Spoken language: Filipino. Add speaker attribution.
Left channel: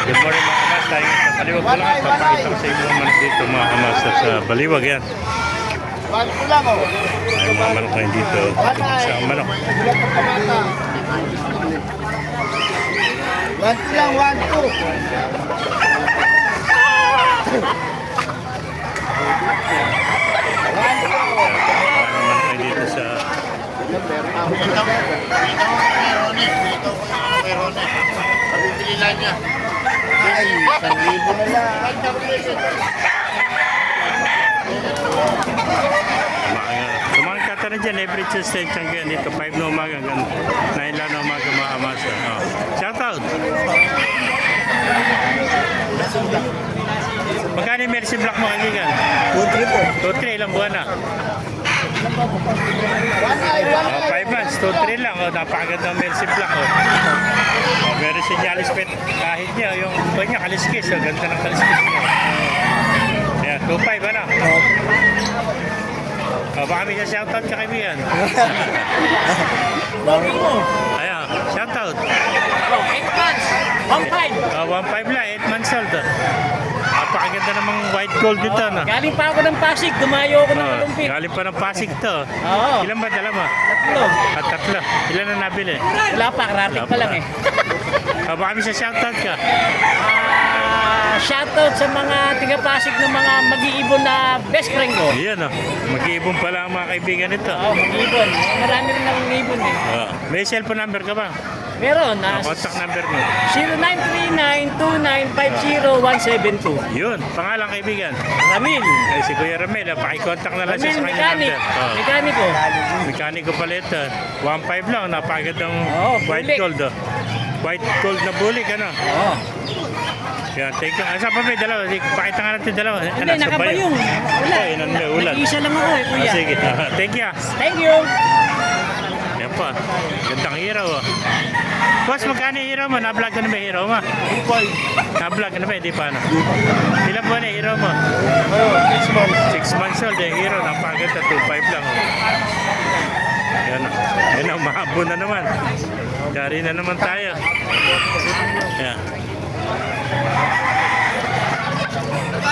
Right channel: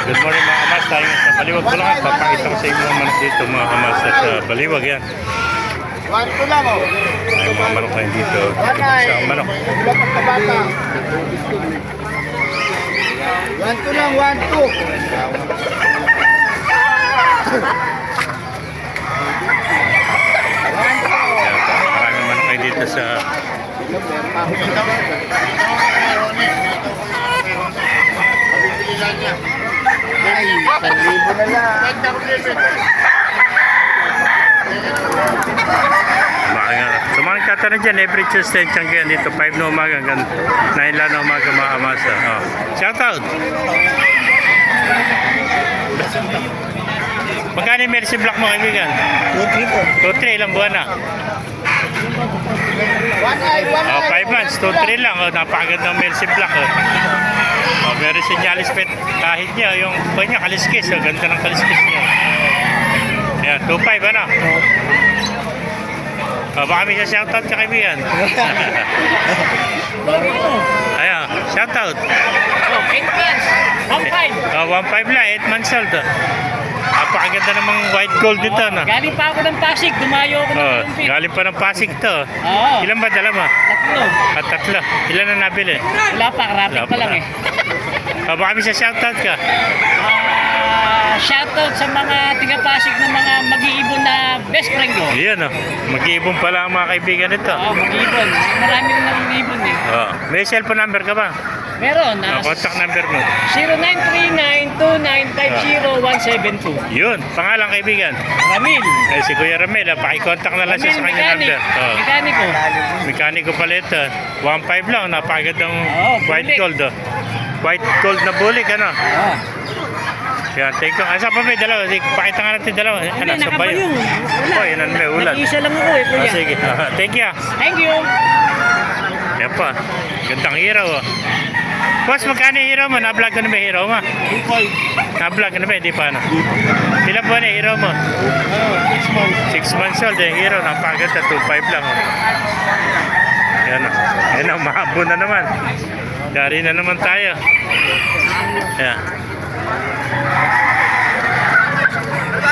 Speaker 1: Good morning mga kamas, tayo ngayon sa Baliwag Bulacan. Papakita ko sa inyo mga manok dito mga kamas sa Baliwag yan.
Speaker 2: 1-2 lang oh.
Speaker 1: Ay, mga manok ngayon dito. Sa manok.
Speaker 2: 1-2 lang, 1-2.
Speaker 1: Maraming manok ngayon dito sa
Speaker 2: Ay, 1,000 na lang.
Speaker 1: Tumahan ka na dyan, every Tuesday tiyanggihan dito, 5 na umaga hanggang 9 lang na umaga mga kamasa. Oh. Shout out! Magkano yung Mercy Black mo kaibigan?
Speaker 2: 2-3 po.
Speaker 1: 2-3, ilang buwan na? 5 months, 2-3 lang. Oh, napakaganda ng Mercy Black. Oh, meron sinyalis pet kahit niya, yung buwan niya, kaliskis. Oh, ganda ng kaliskis niya. Yan, 2-5 ano? Oh, baka may shoutout ka kaibigan. Ayan, shoutout.
Speaker 2: 8 months. 1-5.
Speaker 1: 1-5 lang, 8 months old. Napakaganda namang white gold dito, no?
Speaker 2: Galing pa ako ng Pasig, dumayo ako ng
Speaker 1: Oh,
Speaker 2: Lumpik.
Speaker 1: galing pa ng Pasig to.
Speaker 2: Oo.
Speaker 1: Ilan ba dala mo?
Speaker 2: 3.
Speaker 1: At 3. Ilan na nabili?
Speaker 2: Wala pa, karating pa lang eh.
Speaker 1: Baka may shoutout ka.
Speaker 2: Shoutout sa mga tiga-Pasig ng mga mag-iibon na best friend ko.
Speaker 1: Iyan, oh. Mag-iibon pala ang mga kaibigan nito.
Speaker 2: Oo, mag-iibon. Marami na nang-iibon eh.
Speaker 1: Oh. May cellphone number ka ba?
Speaker 2: Meron na
Speaker 1: Contact number mo.
Speaker 2: 0939-2950172.
Speaker 1: Yun, pangalang kaibigan.
Speaker 2: Ramil.
Speaker 1: Eh, si Kuya Ramel, paki-contact na lang siya sa kanya number. Oh.
Speaker 2: Mekaniko.
Speaker 1: Mekaniko pala ito. 1.5 lang, napakagandang white
Speaker 2: bulik.
Speaker 1: gold. Oh. White gold na bulik, ano?
Speaker 2: Oo.
Speaker 1: Yan, thank you. Asa pa may dalawa? Pakita nga natin dalawa.
Speaker 2: Wala, nakabayong.
Speaker 1: Oh, yan ang may ulan.
Speaker 2: Nag-isa lang ako eh, kuya.
Speaker 1: Sige. Thank you.
Speaker 2: Thank you.
Speaker 1: Yan pa. Gandang hiraw. Oh. Boss, magkano yung hiraw mo? Na-vlog ko na ba yung hiraw mo? Na-vlog ko na ba? Hindi pa ano? Ilan buwan na yung hiraw mo? 6 months old. Yung hiraw, napakaganda. 2.5 lang. Oh. Yan o. Yan o, mahabo na naman. Dari na naman tayo. Yan.